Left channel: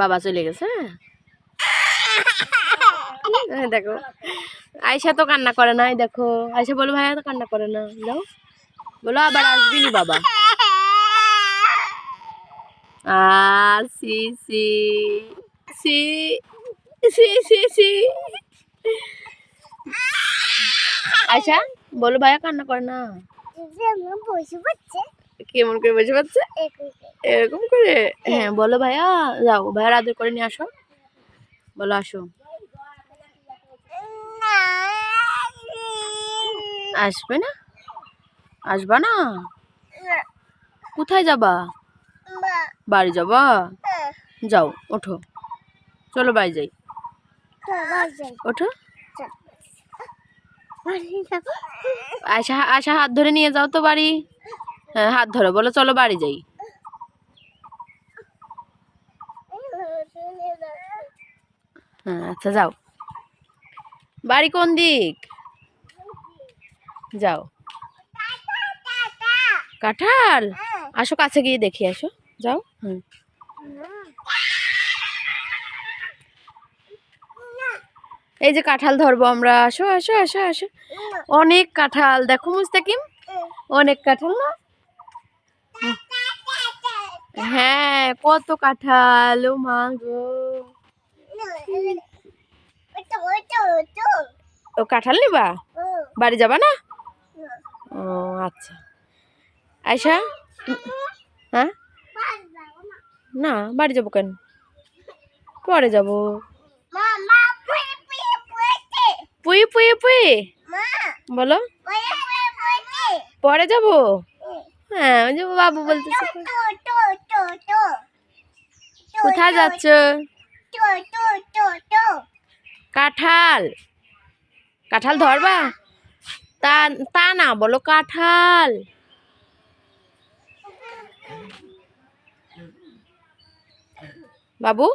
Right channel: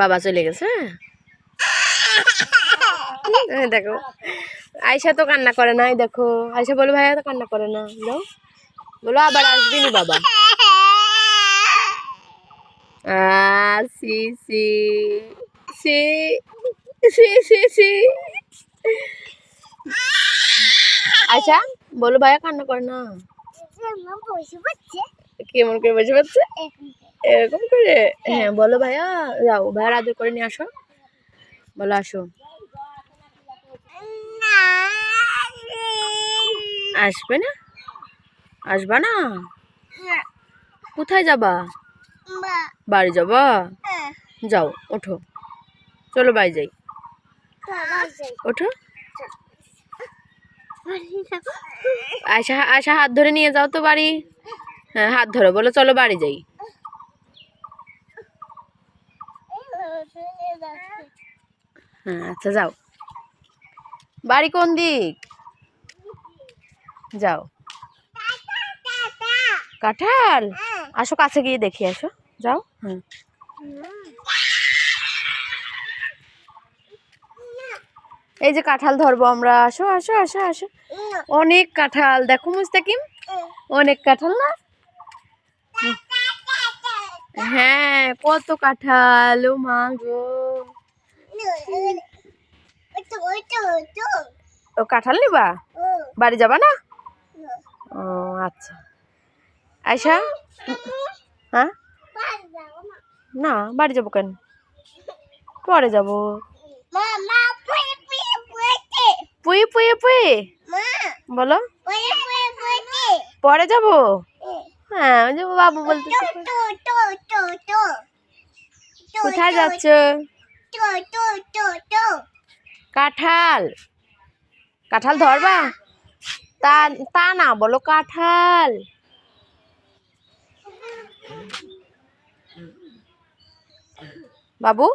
বাবা চলে গেছে। দেখো আয়শা তো কান্না করে না, দেখো আয়শা বলো ভাইয়া তো কান্না করে না, যাও বলো আবার আসবি নি বাবা। সি সি সি সি সি সি আয়শা বলো ভাইয়া কান্না করে না। কেমন করে বসে পাচ্ছে এরকম করে? হ্যাঁ বলো ভাইয়া, যাও ভাইয়া আদর করে নিয়ে আসো, বলো আসো। আসবে না? আসবা না? কোথায় যাবা? বাড়ি যাবা? যাও ওঠো, চলো বাড়ি যাই, ওঠো। আয়শা আয়শা হাত ধরে নিয়ে যাও তো বাড়ি। হ্যাঁ হাত ধরো, বলো চলো বাড়ি যাই। হ্যাঁ আচ্ছা যাও। বাড়ি কোন দিক? যাও। কাঁঠাল? আসো কাছে গিয়ে দেখি, আসো যাও। এই যে কাঁঠাল ধরবো আমরা, আসো আসো আসো আসো। অনেক কাঁঠাল দেখো মুস্তাকিম, অনেক কাঁঠাল না? হ্যাঁ কত কাঁঠাল, ও মা গো। ও কাঁঠাল নিবা? বাড়ি যাবা না? ও আচ্ছা। আয়শা হ্যাঁ না বাড়ি যাবো কেন, পরে যাবো। পুই পুই পুই বলো, পরে যাবো। হ্যাঁ ওই যে বাবু বলতেছে। কোথায় যাচ্ছ? কাঁঠাল, কাঁঠাল ধরবা? তা তা না বলো কাঁঠাল। বাবু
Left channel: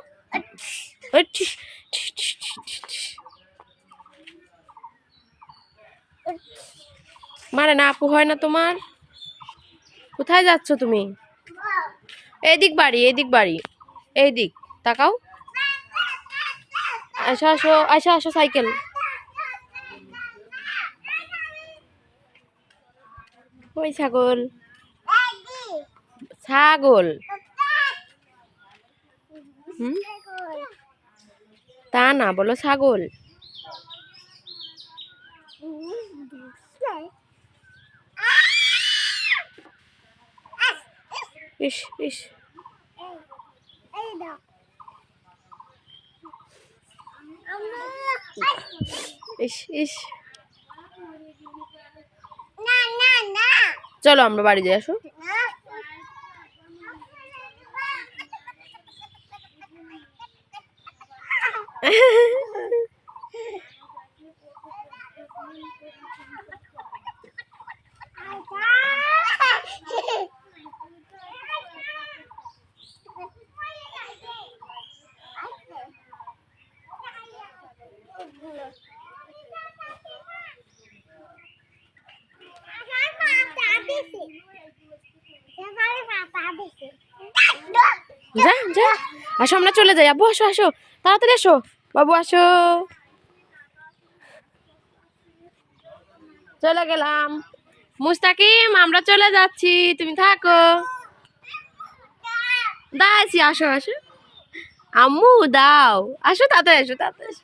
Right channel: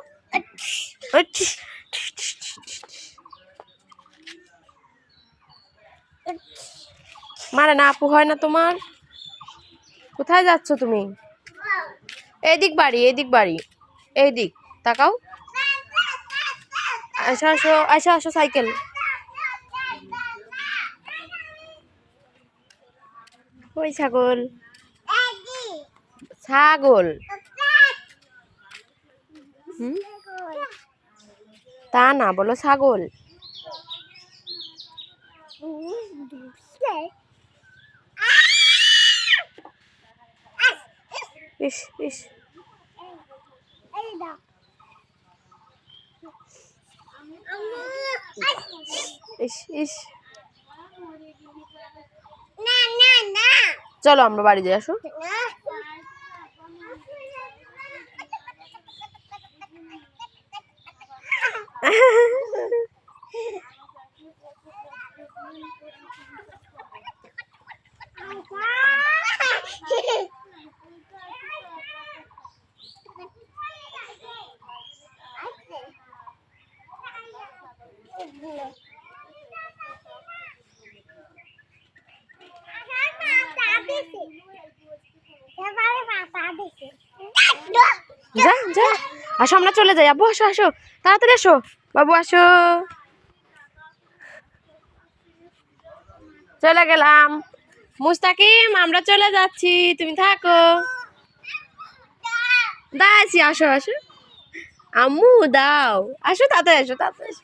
মারে না, আপু হয় না তোমার? কোথায় যাচ্ছ তুমি? এইদিক বাড়ি, এইদিক বাড়ি, এইদিক তাকাও। আসো আসো আসো আসো, সাইকেল। ওই ছাগল, ছাগল তা না বলো ছাগল। ইস ইস ইস ইস, চলো আমরা বাড়ি যাই, আসো। যা যা, আসো আমরা চলে যাই। আব্বু আসো আসো, তাড়াতাড়ি আসো, বাবু আসো। চলে গেলাম মুস্তাকিম, আমরা চলে যাচ্ছি, তুমি থাকো। দাঁড়াচ্ছি, আসো আসো আম্মু দাও, আসো তাড়াতাড়ি আসো, তাড়াতাড়ি আসো।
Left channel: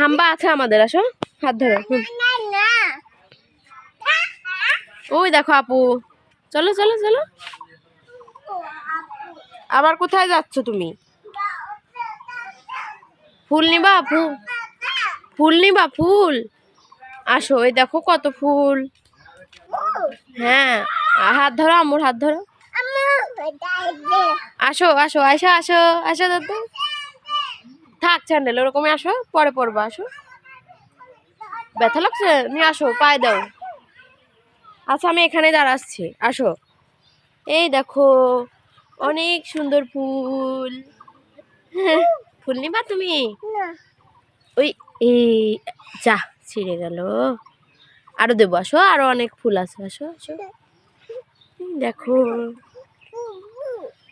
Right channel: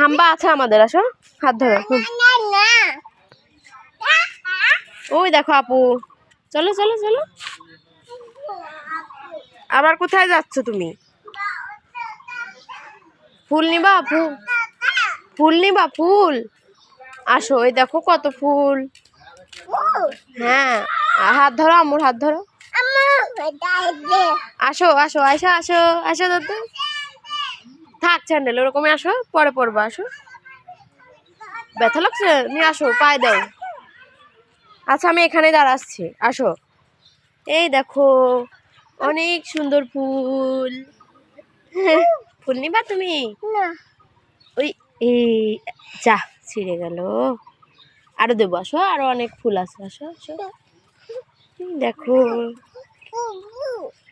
হাম্বা আছে আমাদের, আসো হাত ধরো। ওই দেখো আপু, চলো চলো চলো। আবার কোথায় যাচ্ছ তুমি? ফুল নিবা? ফুল ফুল নিবা? ফুল আসো, ওই দেখো কত ফুল। হ্যাঁ হাত ধরো, আম্মুর হাত ধরো। আসো আসো আসো আসো আসো দাদু, থাক স্যান্ডেল ওরকমই, আসো পরে পরবা, আসো। ব্যথা লাগছে? নিয়ে আসো, পায়ে দাও। আচ্ছা আমি এখানে দাঁড়াচ্ছি, আসো। এই দেখো অনেক সুন্দর ফুল। ফুল নিবা তুমি? ওই এই যা ছিঁড়ে গেল, আরো দেবো, আসো আরো অনেক ফুল আছে, আসো আসো। দেখো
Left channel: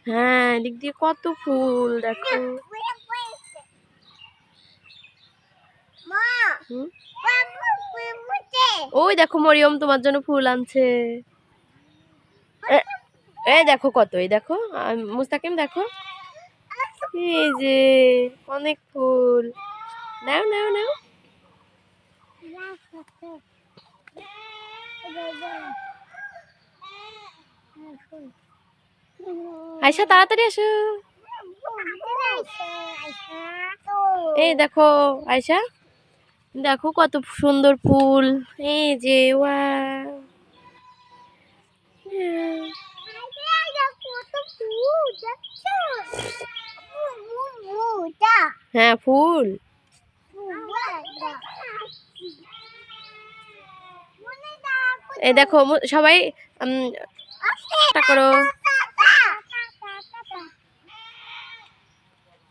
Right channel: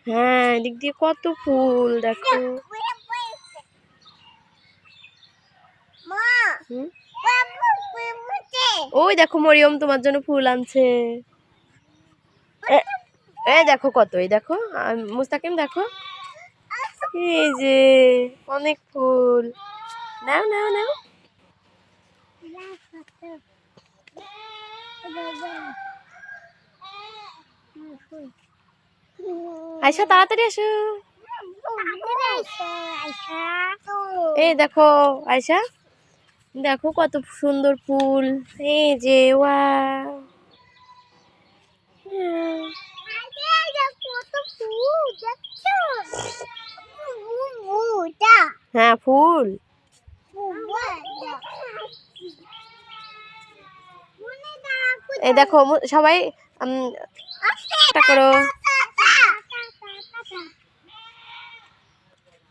হ্যাঁ, এদিক দিয়ে কত ফুল দেখো। হুম? ওই দেখো মরিয়ম তোমার জন্য ফুল আনছে। এই দেখো কত, এই দেখো মুস্তাকিম দেখো, এই যে অনেক ফুল। নাও নাও নাও। আয়শা তাড়াতাড়ি আসো। এই দেখো আয়শা, দেখো কত সুন্দর ফুল, এই যে ওয়াও। হ্যাঁ ফুল। এই দেখো সবাই করো।